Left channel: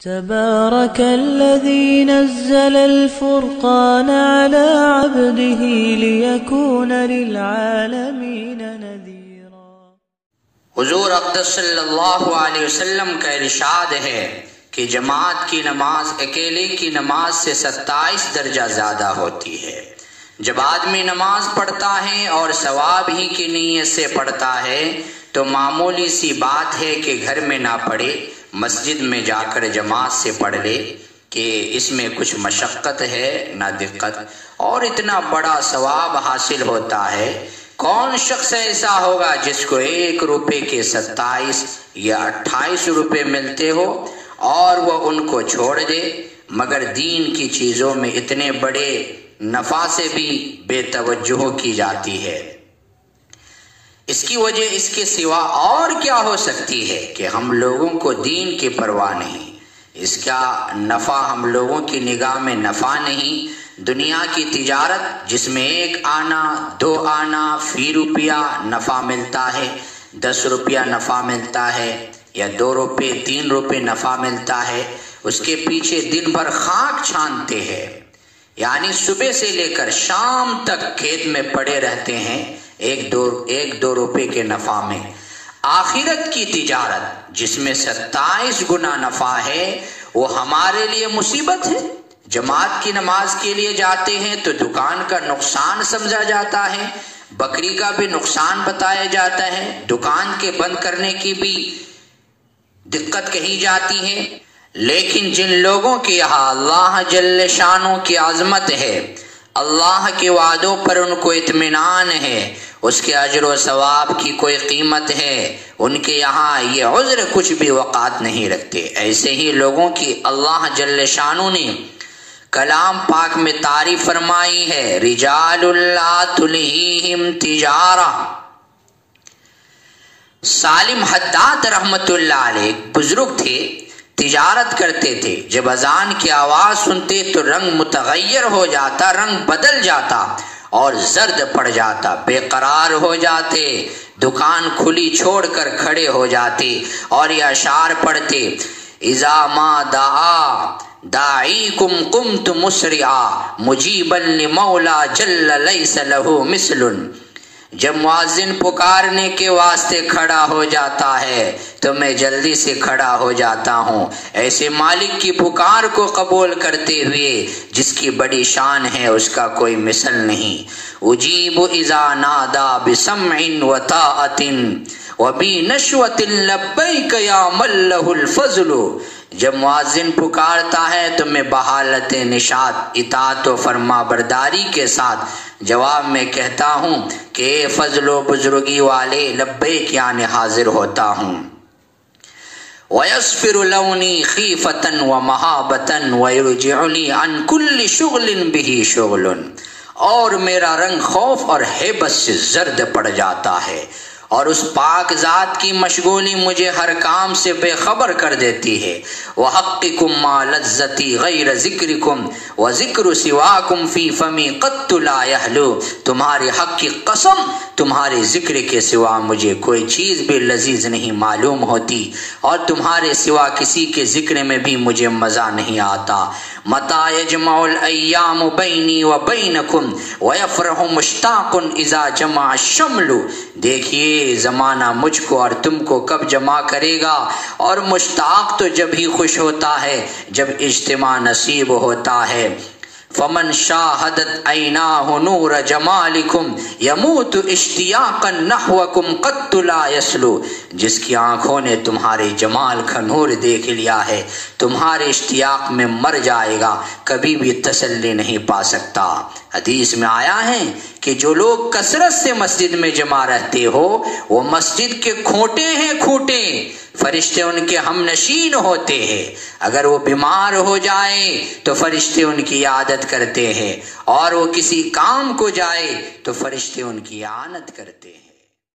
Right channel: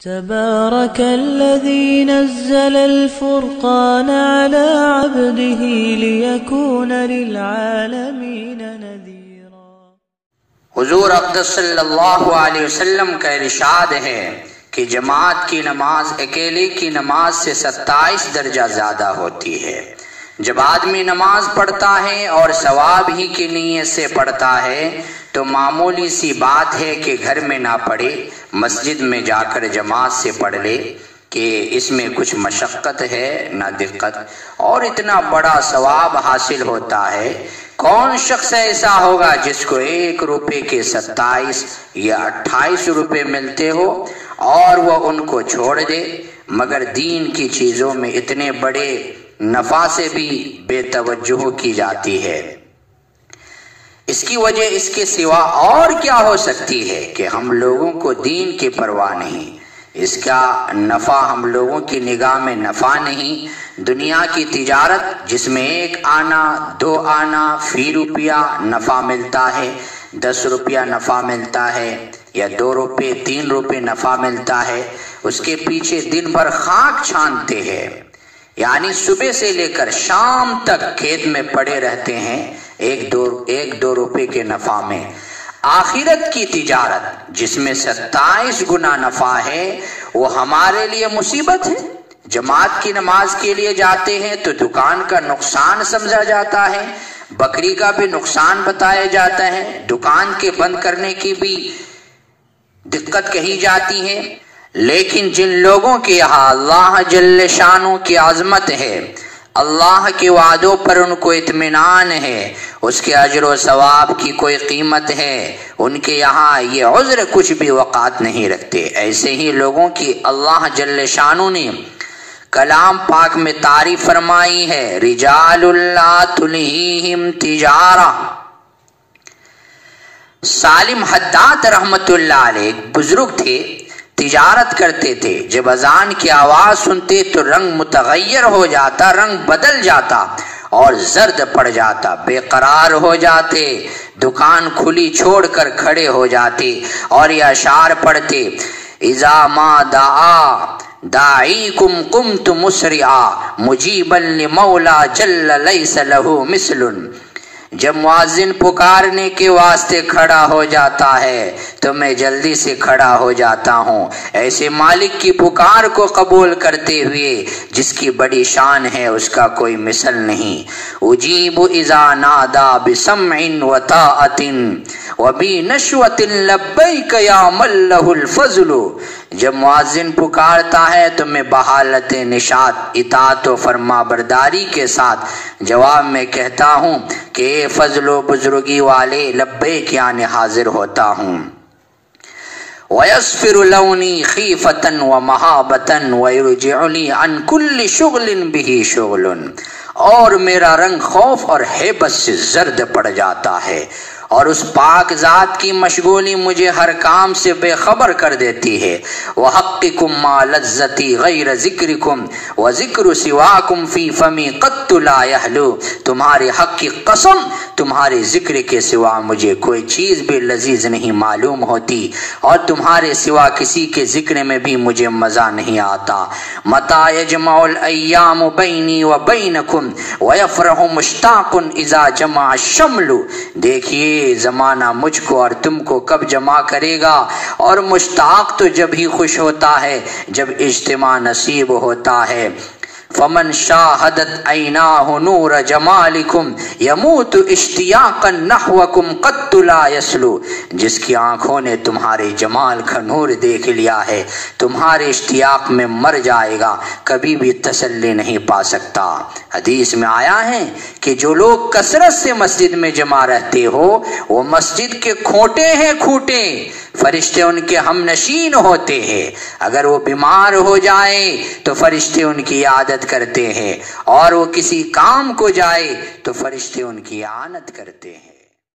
تبارك الذي نزل الفرقان على عبده ليكون للعالمين نذيرا۔ حضور اقدس صلی اللہ علیہ وسلم کا ارشاد ہے کہ جماعت کی نماز اکیلے کی نماز سے 27 درجہ زیادہ ہوتی ہے۔ جب آدمی نماز پڑھتا ہے اور ثواب ہی کی نیت سے پڑھتا ہے تو معمولی سی بات ہے کہ گھر میں نہ پڑھے، مسجد میں جا کر جماعت سے پڑھ لے کہ اس میں کچھ مشقت ہے نہ دقت، اور اتنا بڑا ثواب حاصل ہوتا ہے۔ کون شخص ایسا ہوگا جس کو 1 روپے کے 27 یا 28 روپے ملتے ہو اور وہ ان کو چھوڑ دے، مگر دین کی چیزوں میں اتنے بڑے نفع سے بھی بے توجہ کی جاتی ہے۔ اس کی وجہ اس کے سوا اور کیا ہو سکتی ہے کہ ہم لوگوں کو دین کی پرواہ نہیں، اس کا نفع ہم لوگوں کی نگاہ میں نفع نہیں۔ دنیا کی تجارت جس میں 1 آنا 2 آنا فی روپیہ نفع ملتا ہے، 10 روپیہ نفع ملتا ہے یا 2 روپے 3 روپے نفع ملتا ہے، اس کے پیچھے دن بھر خاک چھانتے ہیں، یعنی صبح سے لے کر شام تک کھیت میں پڑے رہتے ہیں 1-2 روپے کے نفع میں۔ آخرت کی تجارت جس میں 27 گنا نفع ہے وہ ہمارے لیے مصیبت ہے۔ جماعت کی نماز کے لیے جاتے ہیں تو دکان کا نقصان سمجھا جاتا ہے، بکری کا بھی نقصان بتایا جاتا ہے، دکان کے بند کرنے کی بھی دقت کہی جاتی ہے، لیکن جن لوگوں کے یہاں اللہ جل شانہ کی عظمت ہے، اللہ کے وعدوں پر ان کو اطمینان ہے، اس کے اجر و ثواب کی کوئی قیمت ہے، ان کے یہاں یہ عذر کچھ بھی وقعت نہیں رکھتے۔ ایسے ہی لوگوں کی اللہ جل شانہ نے کلام پاک میں تعریف فرمائی ہے، رجال لا تلہیہم تجارہ۔ سالم حداد رحمت اللہ علیہ بزرگ تھے، تجارت کرتے تھے، جب اذان کی آواز سنتے تو رنگ متغیر ہو جاتا، رنگ بدل جاتا اور زرد پڑ جاتا، بے قرار ہو جاتے، دکان کھلی چھوڑ کر کھڑے ہو جاتے اور یہ اشعار پڑھتے، اذا ما دعا داعیکم قمت مسرعا مجیبا لمولا جل لیس لہ مثل۔ جب مؤذن پکارنے کے واسطے کھڑا ہو جاتا ہے تو میں جلدی سے کھڑا ہو جاتا ہوں، ایسے مالک کی پکار کو قبول کرتے ہوئے جس کی بڑی شان ہے، اس کا کوئی مثل نہیں۔ اجیب اذا نادا بسمع وطاعت وبنشوۃ لبیک یا من لہ الفضل۔ جب مؤذن پکارتا ہے تو میں بحالت نشاط اطاعت و فرما برداری کے ساتھ جواب میں کہتا ہوں کہ اے فضل و بزرگی والے لبیک یعنی حاضر ہوتا ہوں۔ وَيَصْفِرُ لَوْنِي خِيفَةً وَمَحَابَةً وَيُرْجِعُنِي عَنْ كُلِّ شُغْلٍ بِهِ شُغْلٌ، اور میرا رنگ خوف اور ہیبت سے زرد پڑ جاتا ہے، اور اس پاک ذات کی مشغولی مجھے ہر کام سے بے خبر کر دیتی ہے۔ وَحَقِّكُمْ مَا لَذَّتِي غَيْرَ ذِكْرِكُمْ وَذِكْرُ سِوَاكُمْ فِي فَمِي قَطُّ لَا يَحْلُو۔ تمہارے حق کی قسم، تمہارے ذکر کے سوا مجھے کوئی چیز بھی لذیذ نہیں معلوم ہوتی، اور تمہارے سوا کسی کے ذکر میں بھی مجھے مزہ نہیں آتا۔ مَتَى يَجْمَعُ الْأَيَّامُ بَيْنِي وَبَيْنَكُمْ وَيَفْرَحُ مُشْتَاقٌ إِذَا جَمَعَ الشَّمْلُ۔ دیکھیے زمانہ مجھ کو اور تم کو کب جمع کرے گا، اور مشتاق تو جب ہی خوش ہوتا ہے جب اجتماع نصیب ہوتا ہے۔ فمن شاہدت عیناہ نور جمالکم یموت اشتیاقا نحوکم قط لا یسلو۔ جس کی آنکھوں نے تمہارے جمال کا نور دیکھ لیا ہے تمہارے اشتیاق میں مر جائے گا، کبھی بھی تسلی نہیں پا سکتا۔ حدیث میں آیا ہے کہ جو لوگ کثرت سے مسجد میں جمع رہتے ہو وہ مسجد کے کھوٹے ہیں، کھوٹے، فرشتے ان کے ہم نشین ہوتے ہیں، اگر وہ بیمار ہو جائے تو فرشتے ان کی عادت کرتے ہیں، اور وہ کسی کام کو جائے تو فرشتے ان کی اعانت کرتے ہیں۔